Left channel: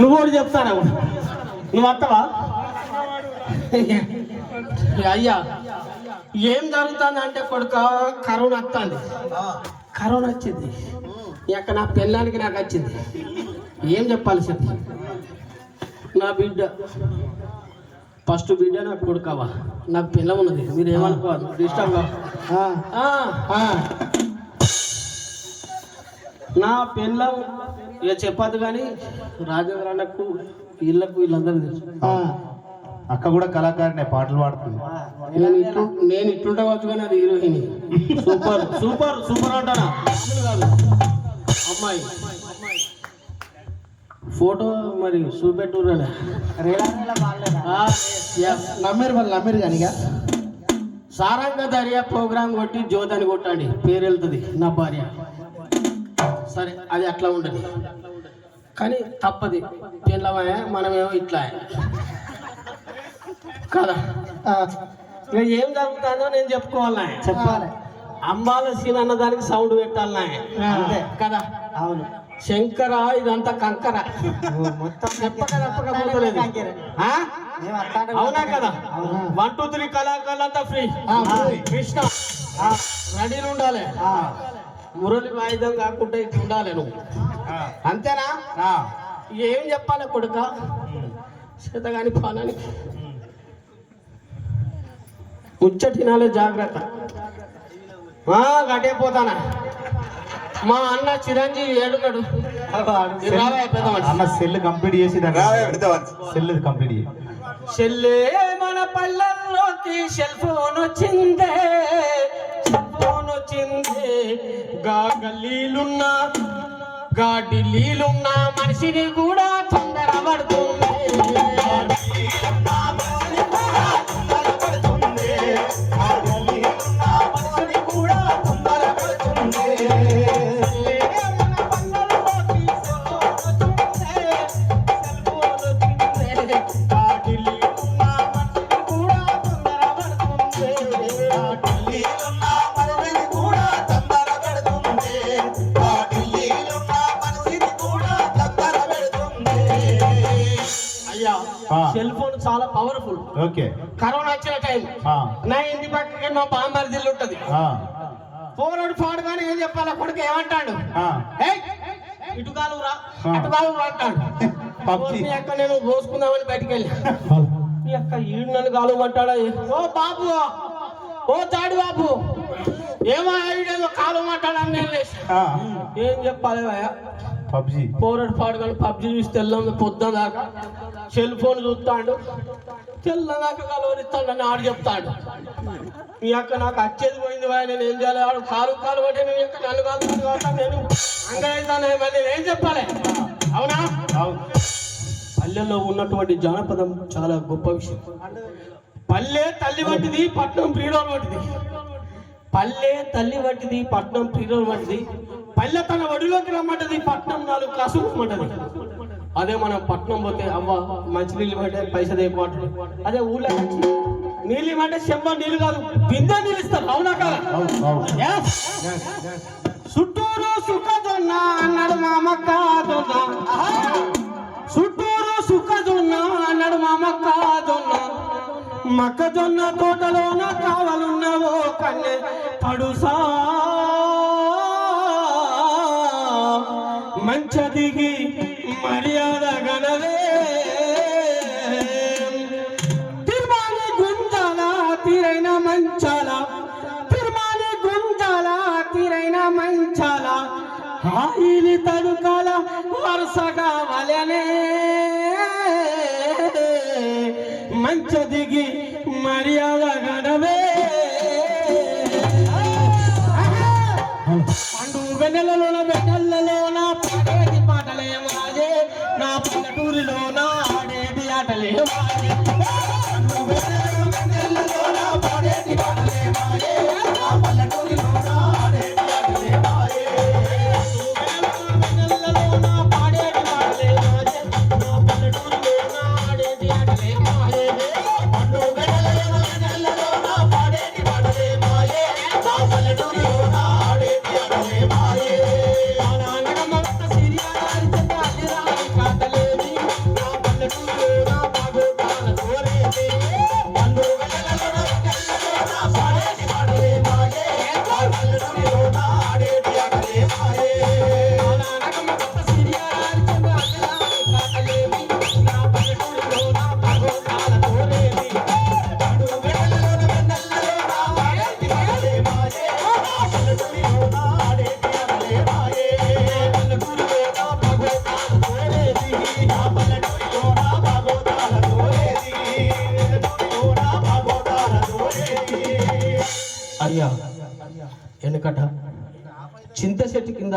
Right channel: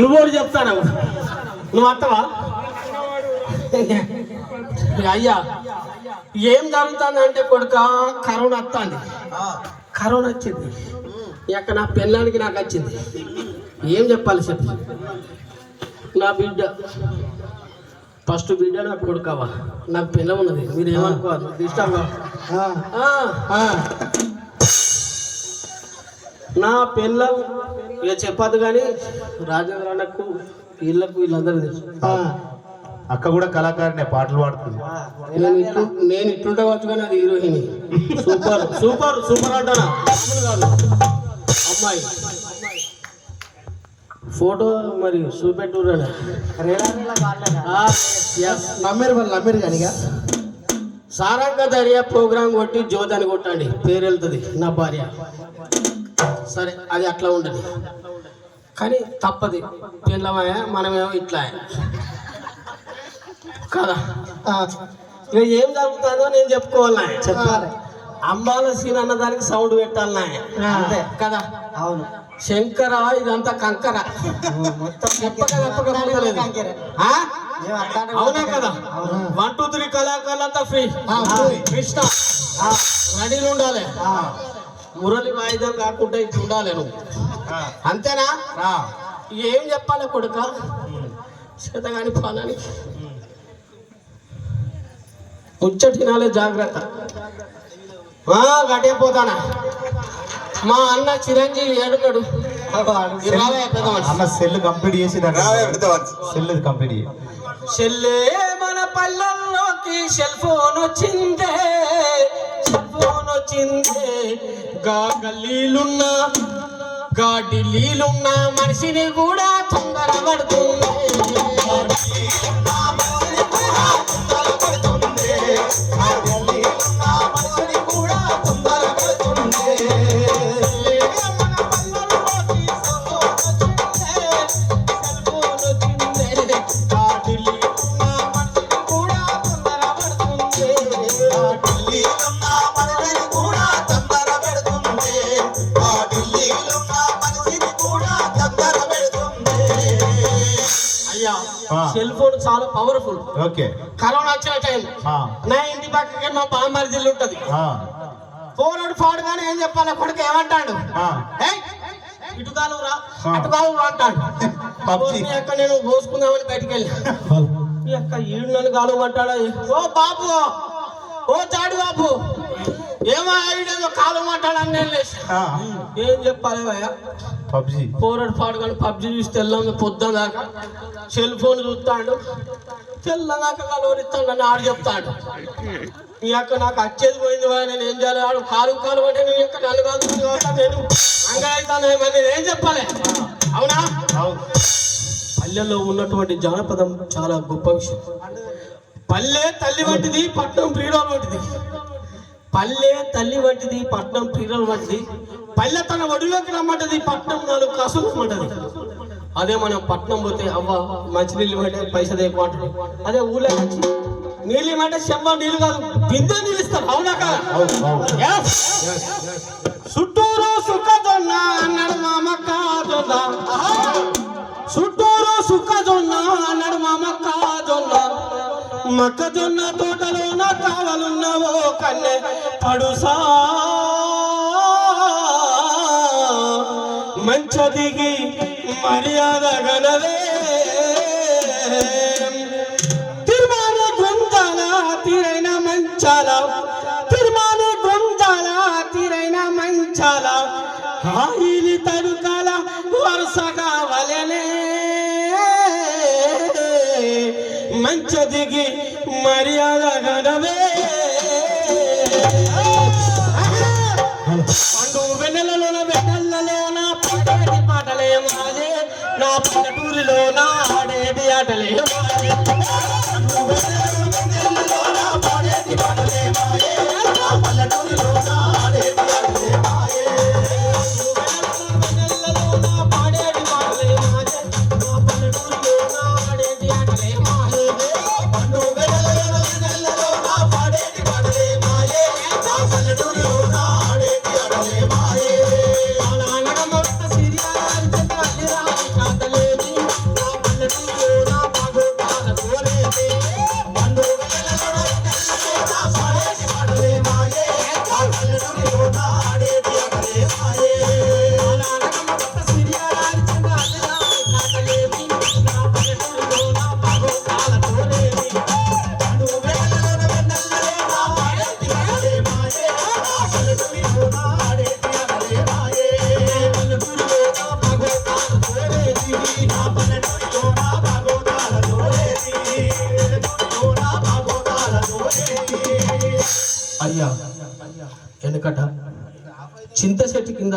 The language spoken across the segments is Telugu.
నువ్వు చెప్తాను? నువ్వు వస్తావా అయ్యా ఏం జరుగుతుంది అంటే కొడుక కరోనా వస్తుంది కరోనా వచ్చింది. ఇక నా పెళ్ళానికి నాకు వచ్చింది. ఏం చెప్పాలి చెప్పు. నా బిడ్డ ఫస్ట్ బిడ్డ నాకు కొడుకవా? నాకు పిల్లం ఉన్నది. మీరు ఏమనుకోవాలి డిస్టర్బ్ నా పిల్లం ఇక చెప్పదు కానీ రాజేంద్ర అన్నకు వీళ్ళకు వీళ్ళందరూ తెలుసు. అక్క కూడా కళాకారినే పాటలు పాడుతుంది. నేను ఇట్లు నేను ఇట్లుంటే వచ్చు కానీ అది హీరోయిన్. సూపర్ సూపర్ సూపర్ అంటానా కాదు. అమ్మాయి. ఫోటో మరి చూపెట్టురా నమ్మేరు వాళ్ళు నమ్మేరు కానీ ఇక. సారంగ దర్యా ప్రోగ్రామ్ కొట్టి జ్యోతి అని కొట్టండి. పేరు వెళ్తుంది నా భార్య. సరే అది అట్లా ఉండదు. కానీ తప్పది. పిల్లమాయ మనమేమో ఇట్లా. కదా? ఇక ఏం జరుగుతుందో నేను చెప్పుకోవాలి? చెప్పాలి. అమ్మాల సీన్ అన్నదానికి సౌండ్ పెట్టాలి? అంతే కదా? అవును. శంకర ఇదంతా కంకర. మొత్తం? అవునా కదా? వన్ టూ త్రీ కళాకారులంతా ఫ్రీ కృష్ణ. రెడీలు ఉండాలి. మురళి వాయిద్యం కాకుండా ఇట్లా ఉండాలి నువ్వు. అంతేనా? ఏం చెప్పాలి కొడుక? చేతగాని పాలని. ముచ్చటినాలే జాగ్రత్త. ఆ, గటే పోతానా? మా అన్న చిరంజీవి ఏడున్నాడు. అన్న సెల్ కంప్లీట్ చేసి సెల్ కంప్లీట్ చెల్లే మన పల్లెల్లోకి సెల్ ఫోన్ వచ్చిందే. సెల్ వచ్చిందే గా గల్లీలున్నా గా ఢిల్లీలున్నా మనిషిని కూడా తొందర పడుతుంది చెప్పాలి కొడుకు ఏమంటాడు? ఇటు కాలు రా. అటు కాలు రా అంటాడు. అక్క నేను పోసుకుందామని బయటికి వెళ్ళి అక్క ఈడు నన్ను కాలు అంటాడా ఓ బాబు ఓ తాడు బాబు. ఏమో ఈడేదో కాలు మాట్లాడని నేను లేచి. ఏం చెప్పాలి పబ్జి. పోరాడు పాడుకొని పబ్జి చూసి తెల్లం పొద్దున దాకా సెల్ ఫోన్ చూస్తాడు. తెల్లం దాకా కలవరిస్తాడు అని ఆడు చెప్తాడు. ఈ అక్క నాకు వచ్చేది పోయింది నేను ఏం చేయాలి? ఆడు కాలు కాలు పట్టి నీ యొక్క కాబట్టి నేను అంగళైతాను నేను ఏం చెప్పాలి. అవునా? అవును. పల్లెల్లో ఉన్నటువంటి జానపదం చాలా గొప్ప విషయం. పల్లె తల్లి వంటిది పట్నం ప్రియురాలు వంటిది. పల్లె తల్లి వంటిది పట్నం ప్రియురాలు వంటిది. పల్లె తన ఒడిలోకి రమ్మంటది పట్నం నాలుగు కాసులు రమ్మంటది. అదే మనం పట్నం పోతే అవ్వ మంచినీళ్ళు ఇవ్వంటే పైసలు ఎక్కువ అంటాడు అదే ఊళ్ళో నీళ్ళు ఇవ్వమంటే చెంబ నీళ్ళు కాదు. బిందె నీళ్ళు అవునా కదా. చుట్టూరు సుఖజొన్న అన్నాడు మా మక్క జొన్న చుట్టూరు సుఖజొన్న అన్నాడు మా మక్క జొన్న మొక్కజొన్న తోటలోన కావలున్నవో కన్నె పడుసా మంచ దిగి మర్యాద గనవే. మంచాల గుంజాల? తీరైన మంచాల? హాయిలి తడుకాల? వరుసగా వలనే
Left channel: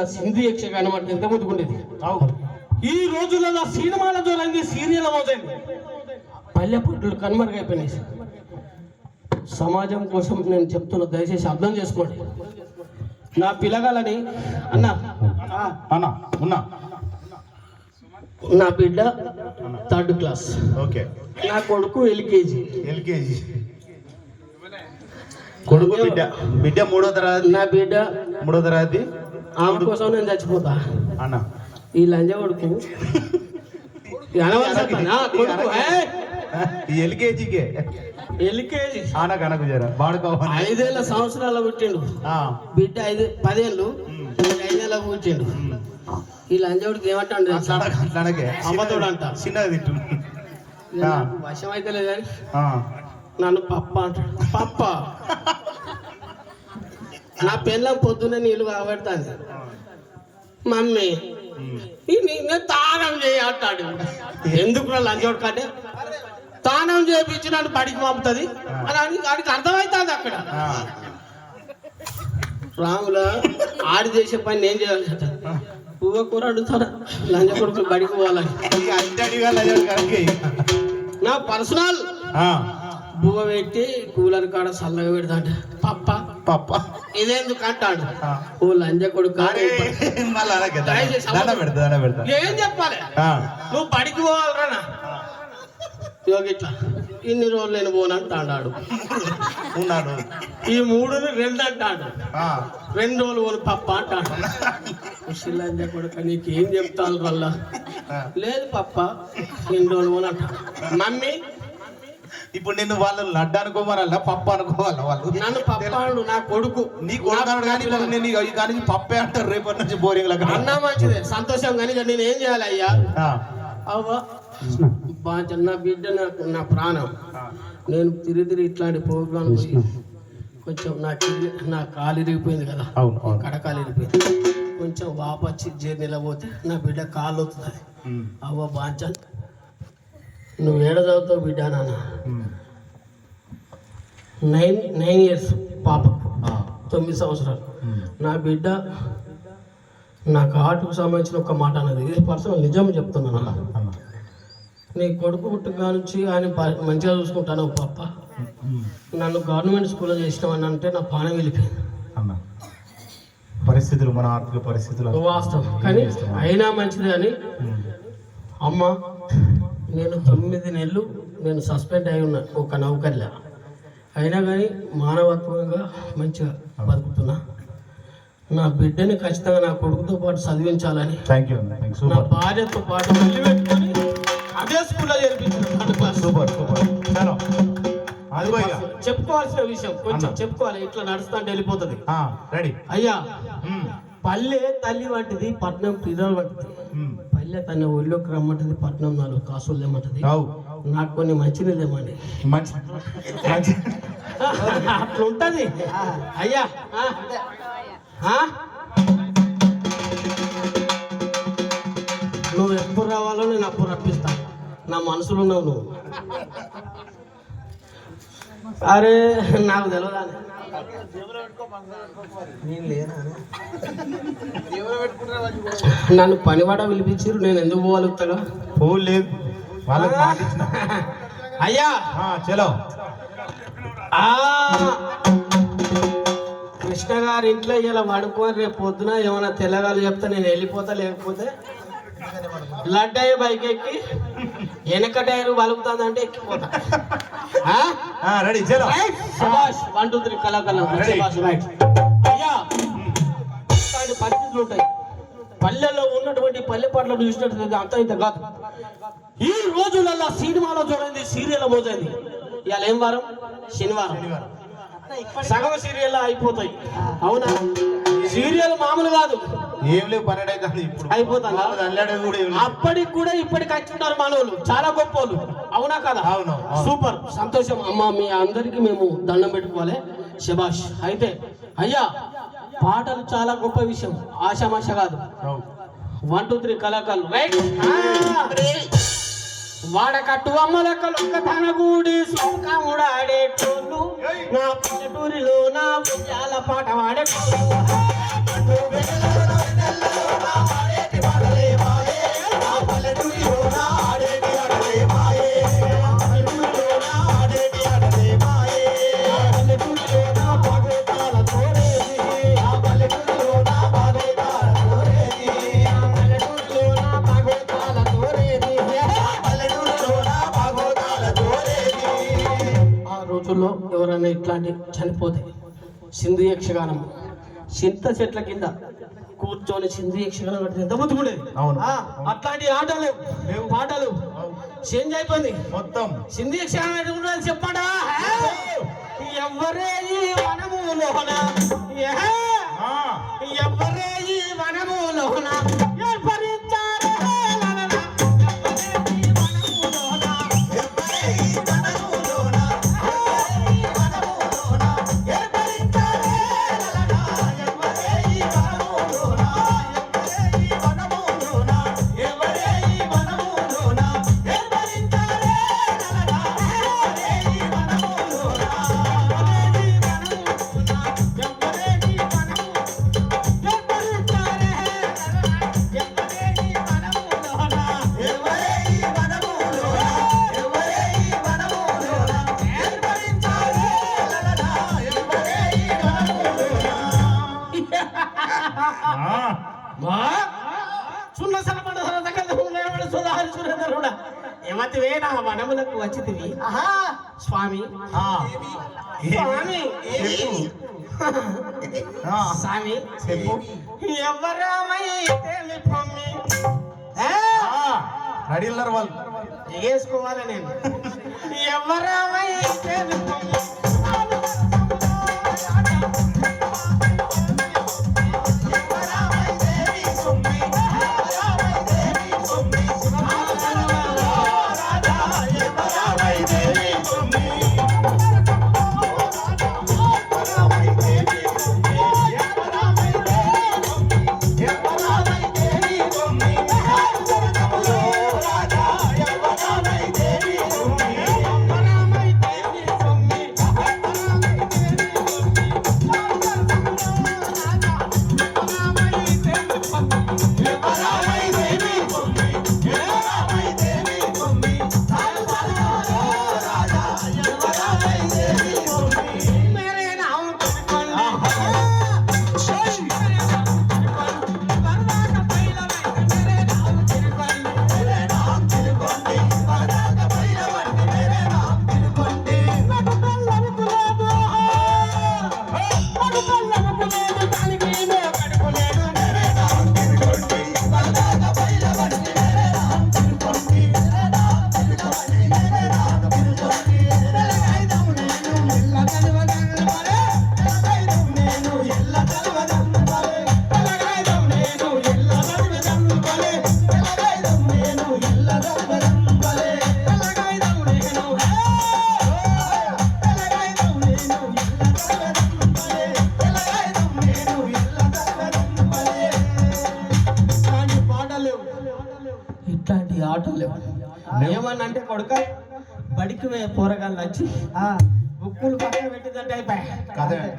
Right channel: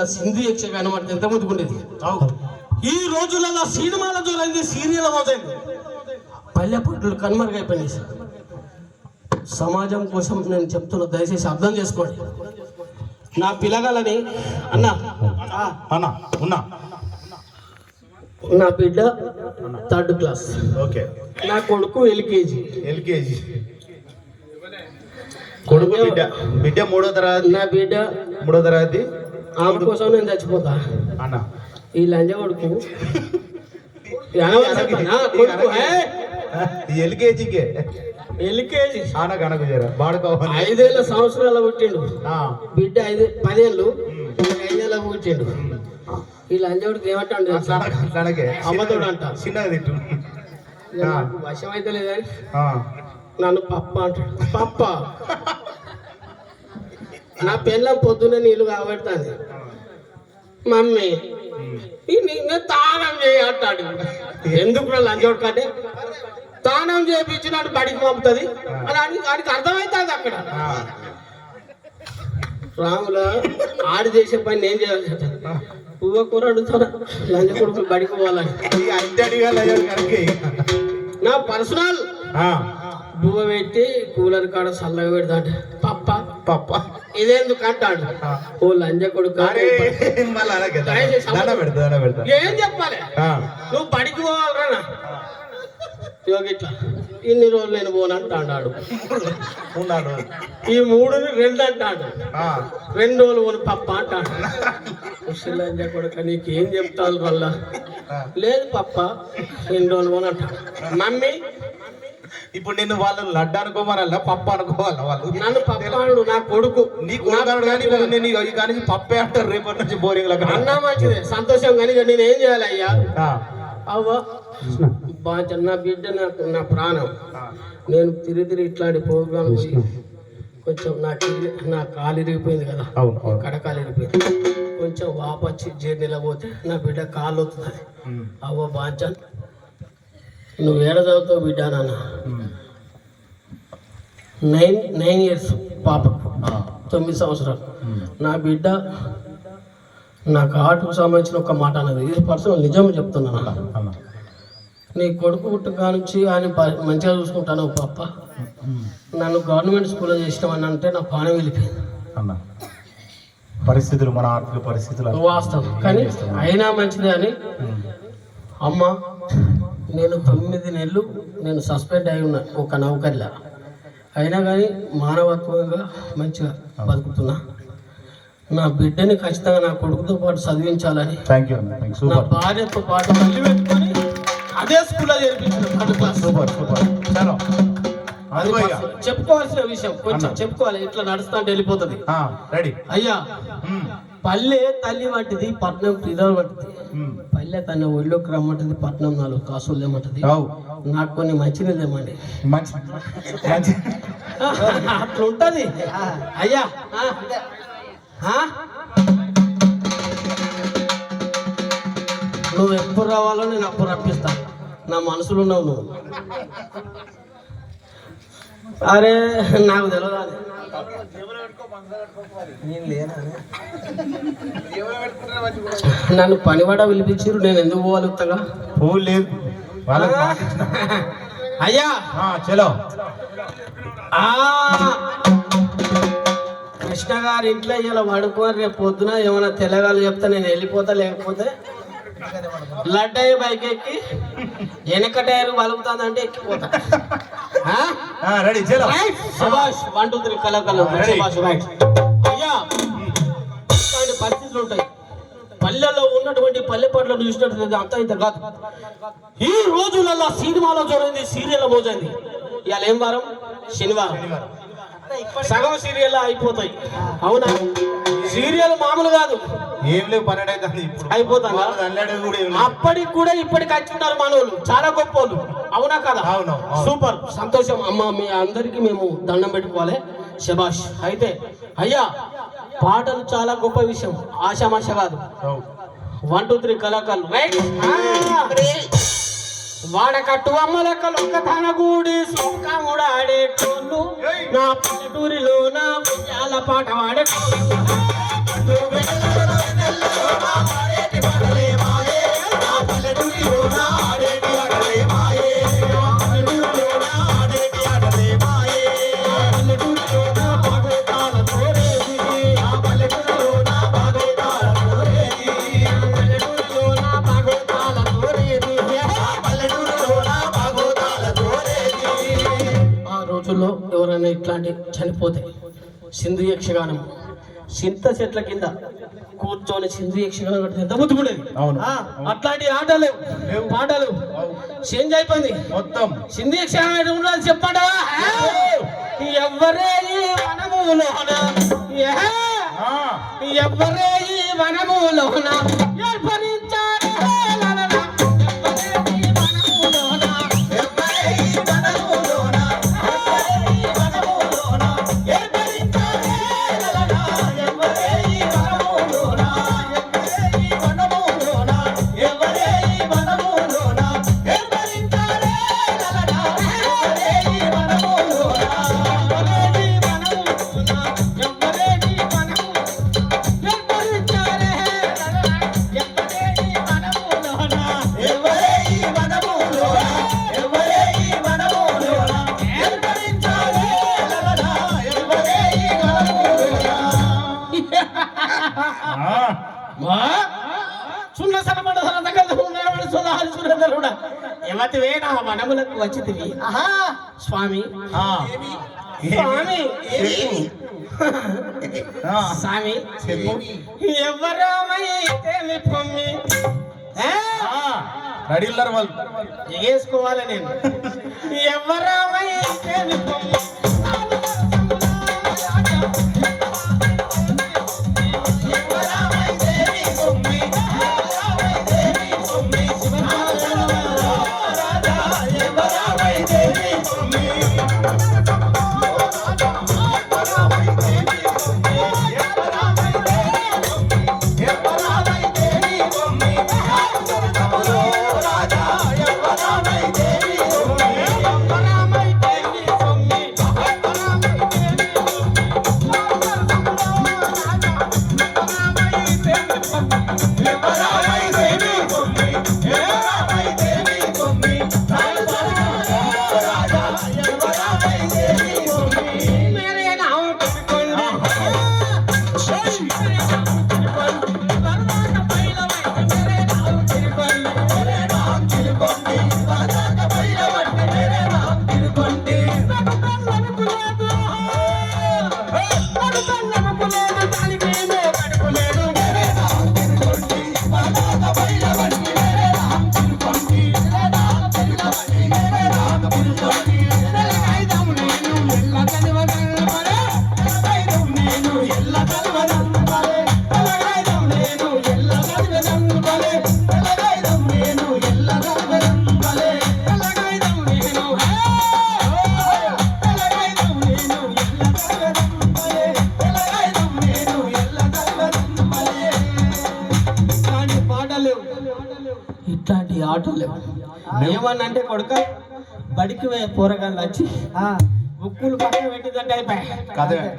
సింధు యక్షగానం అంటే ఎంత ముందుకుండేది ఈ రోజులలో సినిమాల జోరైంది సీరియల్ అవుతుంది పల్లె పట్టులు కనుమరుగైపోయినాయి సమాజం కోసం నేను చెప్తున్న దయచేసి అర్థం చేసుకోండి. నా పిల్లగాలని అన్న. అన్నా ఉన్నా. నా బిడ్డ థర్డ్ క్లాస్. ఓకే. నా కొడుకు ఎల్కేజీ. ఎల్కేజీ. కొడుకు బిడ్డ బిడ్డ మూడో తరగతి. నా బిడ్డ మూడో తరగతి. ఆమె కోసం నేను చచ్చిపోతా. అన్న. ఈ లంజ కొడుకు. ఎల్కేజీకే. L K G. ఆన కనకు బాడుకోవాలి ఐదేళ్ళ సంవత్సరాల పుట్టిండు. ఆ, బిడ్డ ఐదు పదేళ్ళు. ఐదేళ్ళకు పుట్టిండు. ఈ లంజవుడికి ఏమంటాడు అనకే. అబద్ధుడు అంట. చిన్నగా తిట్టు. వశం అయితే లేదు కానీ నన్ను పప్ప అంటాడు. పప్ప. నా పిల్లం పొద్దున్న నీళ్ళు కాబడుతుంది. మమ్మీ ఈ నీ- నేను తానం చేయ అంటాడు. ఎందుకు లంచోడు కంటే? తానం చేయించినట్టు బడికి పంపుతుంది. అని ఆడికి ఆడికి అర్థమవుతుంది అక్కడ. రాముల ఆడి చేసే పని నేను చేయాల్సి పువ్వ కూర అడుగుతారా లంచ కొడుకులు బడికి పోవాలని. నా పర్సనల్. ఆ, బువ్వ పెట్టి కూలర్ కాడ చల్లగా పెడతాడు. పప్ప ఇదేందుకు అంటాడు. ఓ లంజ కొడుకు ఏం చెప్పాలి? నువ్వు బడికి పోవాలరా యోగిట్లా ఇన్ని రోజులు నేను పోను అంటాడు. ఉన్నాడు. ఈ మూడుని రెండు అంటాడు. రెండు రోజులు పోను పప్ప అంటాడు. ముసలి లంజ కొడుక నీకేం చెప్తాను వల్ల. లేదు పప్ప రెండు రోజులు పోను అంటాడు. మమ్మీ ఇప్పుడు నిన్ను వాళ్ళు లడ్డు అనుకోమరల్లా పప్పు అనుకోవాలా వాళ్ళు? నన్ను పప్ప నా కొడుకు. నీ కొడుకు కానీ నేను ఈ కానీ పప్పే అంటారు రేపటి నుంచి బోరింగ్ లాగా అన్నా మంచిదే సంతోషం కానీ నేను ఏం చేయాలి అయ్యా? అవ్వ నా బిడ్డ నాకు నా ప్రాణం. నేను తిరిగి తిరిగి ఇట్లాంటి ప్రోగ్రాం పోయి కొంచెం నా నా కాలు ఇరిగిపోయింది కదా. కడకాలు ఇరిగిపోయింది. కొంచెం వాపచ్చి జర్నీలో పోతే నా బిడ్డ కాలు అవుతుంది అవ్వ బాంచన్ నువ్వు ఏడ చదువుతావు బిడ్డ నాన్న? నైన్ నైన్ ఇయర్స్ పాప. తొమ్మిది సంవత్సరాలు. నా బిడ్డ నాకు ఆటకు సంబంధించిన ఒక మాట అన్నది. ఇది పర్సనల్ నిజం చెప్తున్నాను. నీ కొడుకు పుట్టుక నుంచి ఆయన మంచిగా చూసుకుంటాను పాప. నన్ను గవర్నమెంట్ స్కూల్లో చేసినామని అంటే నా పానం వెళ్ళిపోయింది. పరిస్థితులు మన ఆర్థిక పరిస్థితులు. వాస్తవం. కానీ అయినా మంచిదే అని అమ్మ నేను తొమ్మిది నెలలు నేను సస్పెండ్ అయి ఉన్నా ఒక నౌకర్లా. అయినా కానీ మానవత్వంగా మంచిగా బతుకుతున్నా. నా బిడ్డని ఖచ్చితంగా నా కొడుకుతో పాటు చదివించాలని నా భార్యతో పాటు అదే స్కూల్లో చేర్పించిన చెప్పుకోవాల్సిన విషయం. కొంచెం చెప్పుకోవాలి. ఇట్లా నడుస్తుంటే వెళ్ళిపోతుంది. ఆ, రెడీ అయ్యా. పల్లె తల్లి వంటిది పట్నం పిల్లలు వంటిది. పల్లె తన ఒళ్ళోకి రమ్మంటది పట్నం నాలుగు కాసులు లేమంటది నాకు కొన్ని మంచిది లేమండి మంచి మంచి అట్లా ఉంటది అయ్యా? నువ్వు ఎప్పుడు రావాలో నేను అప్పుడు రప్పిస్తాను నా మనసులో ఉన్నావు నువ్వు. అరే నాకు తెలియదా నన్ను పనివాడ పిలిపించారు నేను ఎందుకు పోగలుగుతాగా ఫోన్ లేదు. వాళ్ళకి మాట ఇచ్చిన. అయ్యా! ఆ, చలో. ఆ! కృష్ణ గారి ఇంట్లో ఇలా పడుకొని రేపు పొద్దున ఏమైనా తెల్లగాలు చెప్తే నేను వెళ్ళిపోతా లేకపోతే లడ్డయ్య బైక్ ఎక్కి వెనక టైర్ ఎక్కిపోతా. రెడీ చలో రైట్. శభాష్ వన్ టూ త్రీ రైట్. అయ్యా పరిస్థితులు ఉంటాయి. పల్లెల్లో ఉన్నటువంటి పల్లె పట్ల చూసినట్టు అంత ఇంత కాదు. ఈ రోజులలో సినిమాలో చూడండి సీరియల్ మోజండి ఇవాళ ఏం వారం? శనివారం. సగం సీరియల్ అయిపోతాయి. అవునా? సీరియల్ మామూలు కాదు. ఏం లేవు పన్నెండు అవుతుంది ఇప్పుడు. అయిపోతాను వాళ్ళు అల్లాడే కూడా ఏం లేదు. అప్పటికి కూడా ఇప్పటికి వచ్చి ఉన్నారు మనోళ్ళు చాలా గొప్పోళ్ళు. అవునా కదా? అవును. సూపర్. సంతోషం. అమ్మ మీ అందరికి మేము దండం పెట్టుకోవాలి. శబాష్ అయితే అయ్యా పాటలు చాలా గొప్ప విషయం. ఆశామాష కాదు. వన్ టూ త్రీ కళాకారులు. రైట్ వాడకట్టు అమ్మలక్కలు ఒక్క తన కూడి సొంకాముడు ఆడేటోళ్ళు. నా పల్లెటూరిలో నా పాట వాడేటోళ్ళు. ఆ రోజుల్లో ఎవరైనా ఇట్లాంటి చనిపోతే సింధు యక్షగానం చింత చెట్ల కింద కూర్చొని సింధు యక్షగానం పెడితే ఎంత బుద్ధిపడేది అవును. అట్లాంటి ఆటలు పాటలు చేంజ్ అయిపోయింది. మొత్తం. సింధు యక్షగానం ఎటు ఉండాలి చెప్పడా? ఎవరే ఈ వనములోన ఏ? ఎవరే ఈ వనములోన రెడీ ఉన్నారు వాళ్ళు ఎగేసుకోవాలి నేను ఎవరమైతే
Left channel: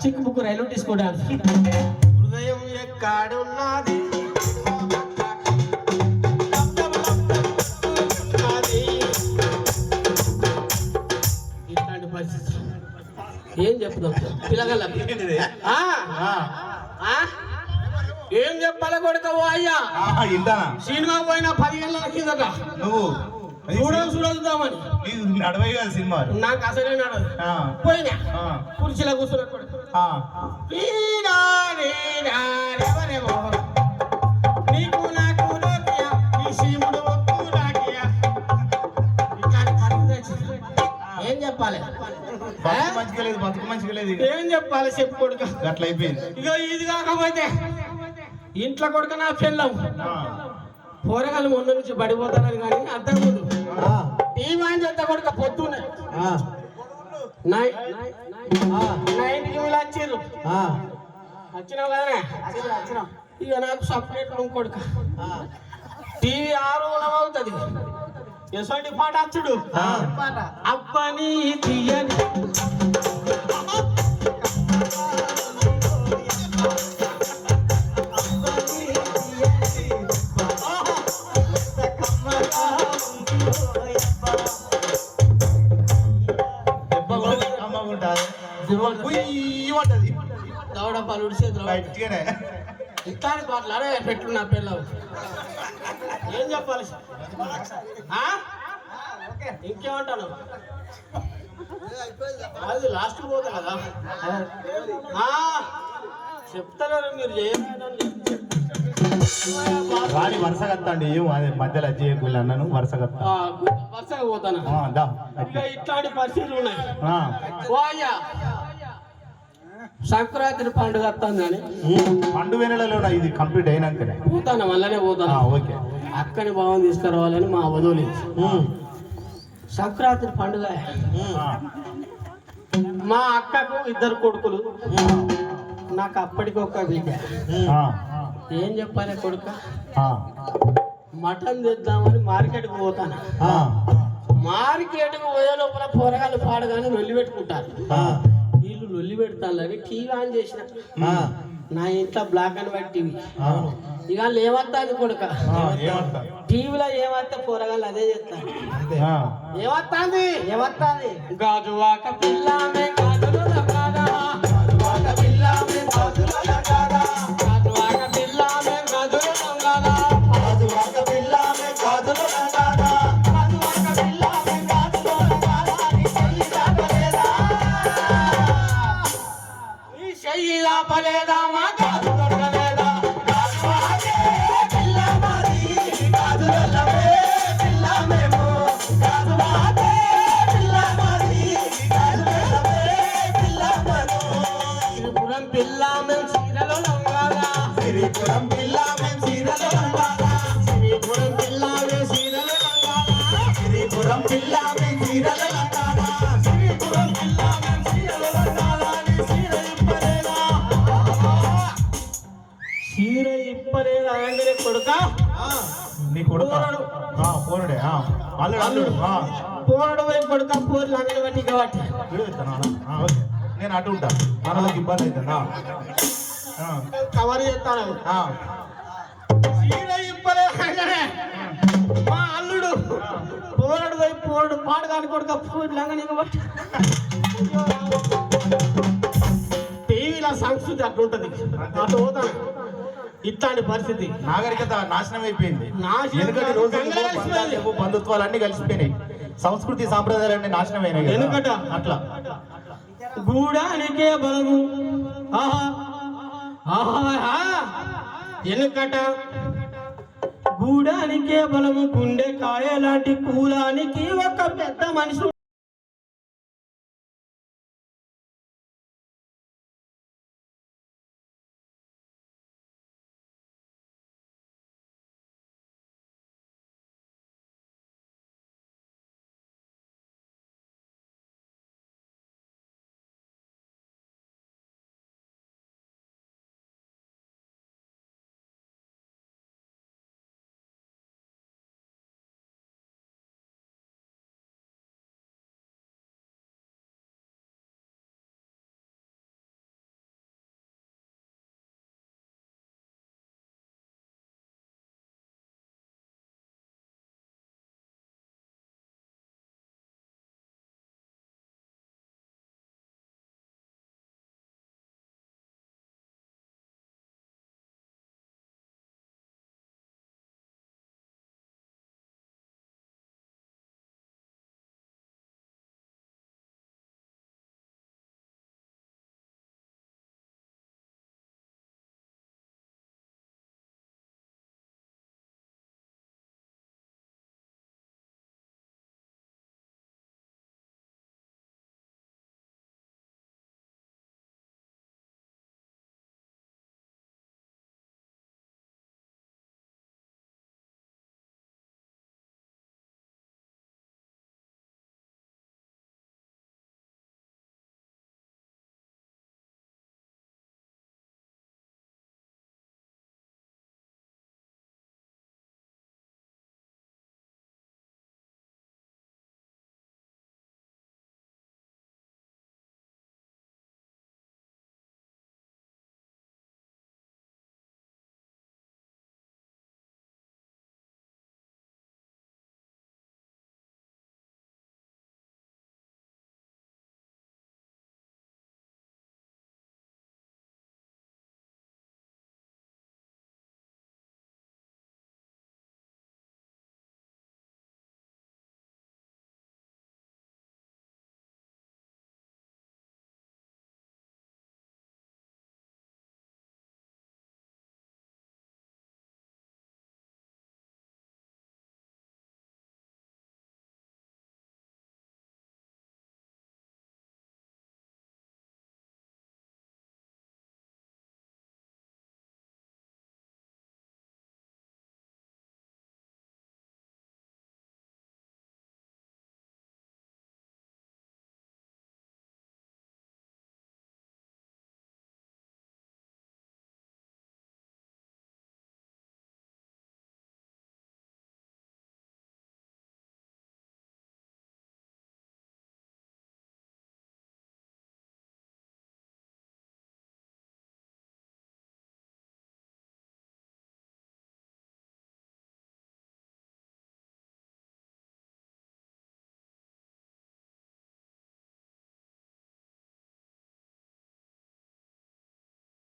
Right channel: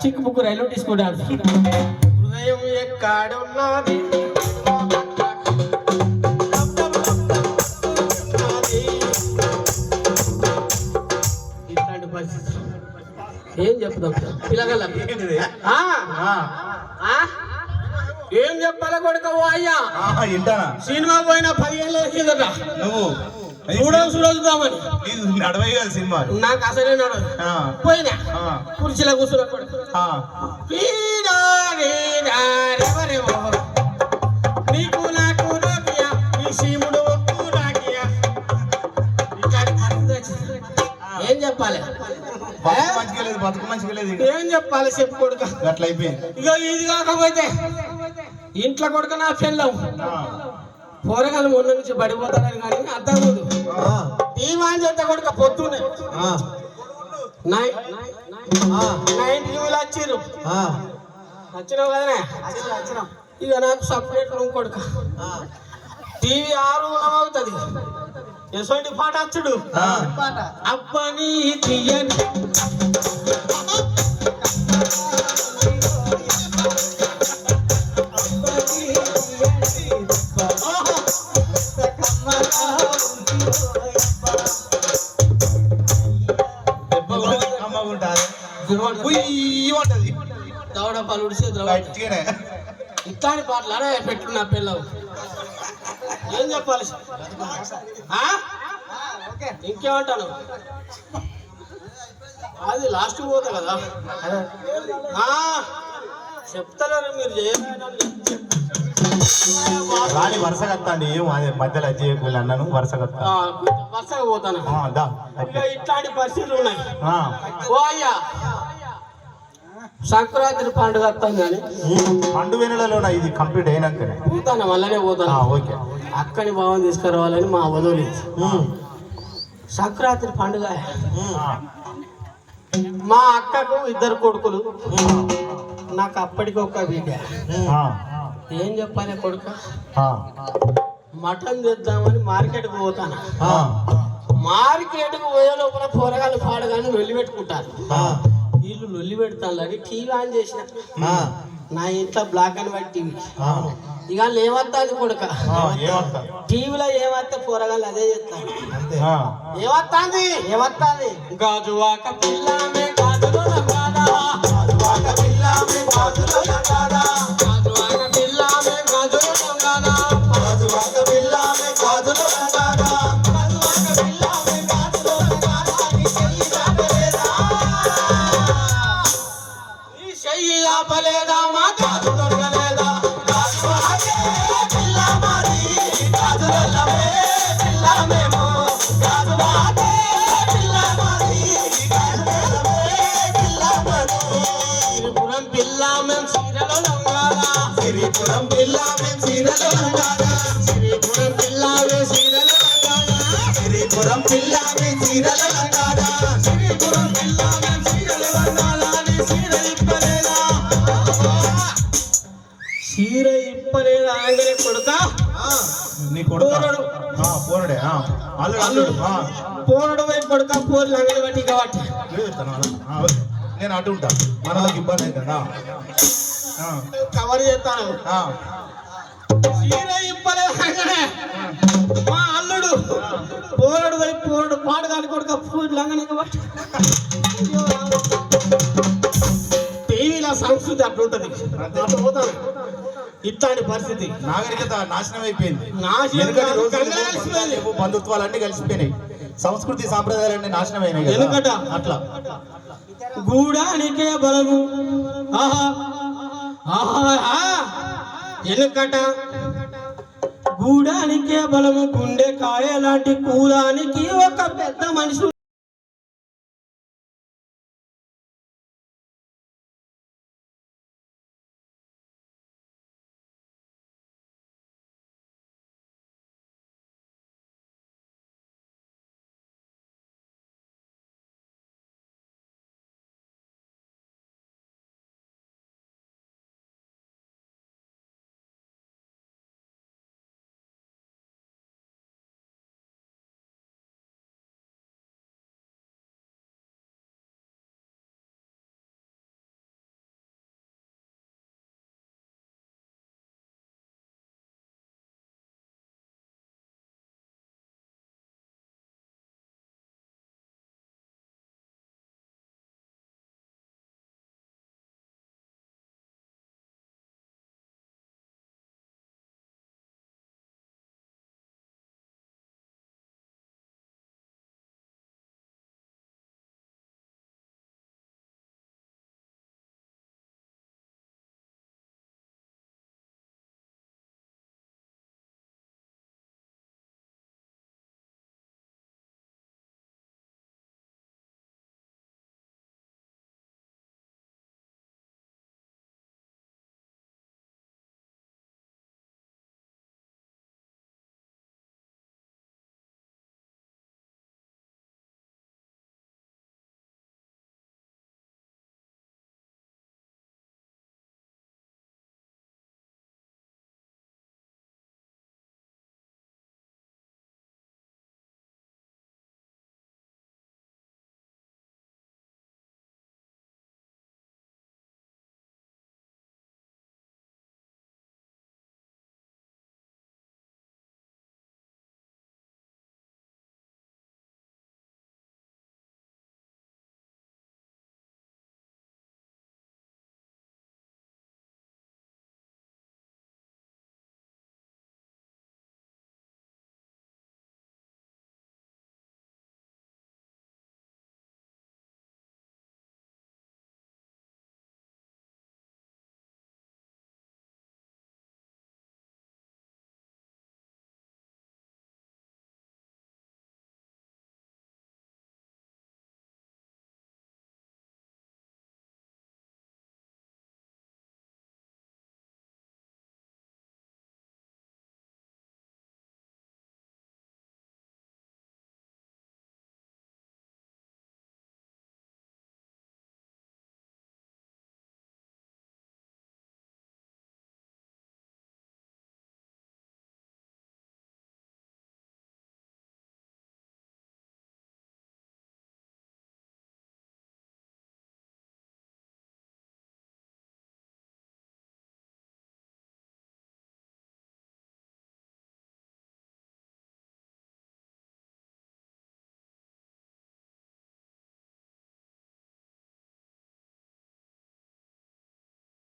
కదే. చిక్కు బుక్కు రైలు హృదయం ఎక్కడున్నది? పరిస్థితి. ఏం చెప్తాం? ఆ? ఏం చెప్పాలి కొడుక ఓ అయ్యా సినిమా పోయిన పదిహేను కిందట నువ్వు? చూడవు చూడవుతామని ఇది నడవై కదా సినిమా. నాకు అసలే నడదు ఆ, పోయినా? కుర్చీలో కూర్చున్న. చెప్పాలి? బతుకు మంచిగా లేదు బతుకు మంచిగా లేదు ఏం చెప్పాలి చెప్పు కొడుక? అట్లా అయిపోయింది. ఇక ఇది కాకపోతే ఇంట్లో కొడుక నా పిల్లం పోరగాలు మొన్న నుంచి పడిపోతారని కానీ అర్థం లేదు టీవీ చేత కొడుక పొద్దున్నే. నైన్. నైన్ టీవీలు వచ్చిర్రు. వచ్చినావు కదనే? ఇక నాకు సపరేట్ రూమ్ కొడుక. టీవీ ఆరు అవుతుంది. ఎటువంటి పాట వచ్చుడు. అబ్బని తీయని. ఇట్లాంటి పాటలు అరే పెట్టు నా పిల్లలు. ఏం చెప్పాలి? ఆ? ఇంకేమంటాను అది లాస్ట్ పోతా కదా. ఆ, చెప్తారా మీరు చేయాలి రాని వరుస కత్తండి ఏం అదే మధ్యలో చేయకుండా అన్నాను వరుస కత్తా వరుసగా పోతాను. ఇట్లాంటి పరిస్థితులు ఉన్నాయి. ఆ. ఓ అయ్యా. సంక్రాంతి పండుగ వస్తుందని పండు వెనులలో ఇది కంప్లీట్ అయినాకనే. పోతాను వల్లనే పోతాను. ఓకే. అక్కని భావం తీసుకురావాలని మా వదోలి. సంక్రాంతి పండుగ. మా అక్కకు ఇద్దరు కొడుకులు. నాకు అప్పటికి ఒక బిడ్డ. ఏం చెప్పాలి కొడుక? మటన్ తెద్దామని మార్కెట్కి పోతాను. మార్కెట్కి పోయే లోపల కూరగాయలు పాడగానే లొల్లి పెట్టుకుంటారు. పెడతాను. టీవీ ఆన్ చేసిన. నా ఇంట్లో బ్లాక్ అండ్ వైట్ టీవీ. ఇక లేవద్దాది కొడుక? టీవీలో ఏమత్తే కూరగాయలు అదే చేస్తాను ఆ, ఏమత్తాంది? ఏమత్తాది? గాజువాక పిల్లమే ఆ, అల్లుడు అల్లుడు. ఆ, పోరడు వైపు కొడుక? పోరు లంగలు పెట్టి కాబట్టి. నేను అటు ఉంటా. మనలోకి ఇబ్బంది అవుతుందా కవర్ చేస్తాను. మా అల్లుడు పోరడు వైపు పోరడు పాడు కాని కొడుక పోరు లంగని కాబట్టి. టీవీలో సంస్కృతి అట్లుంటది. అట్లా పోతాను ఇట్లాంటి పరిస్థితి. నాగరికత నాశనం అయిపోయింది. ఎందుకంటే రోజు. బంధుత్వాలు అన్ని కలిసిపోయినాయి. సంస్కృతి సాంప్రదాయాలు అన్ని నాశనం అయినాయి. ఎందుకట? అట్లా. గూడానికే బలము. ఆహా. ఆహా. ఎనుకట గూడానికే బలము. గుండె లాంటి కూలానికి ఒక పెద్ద మనిషి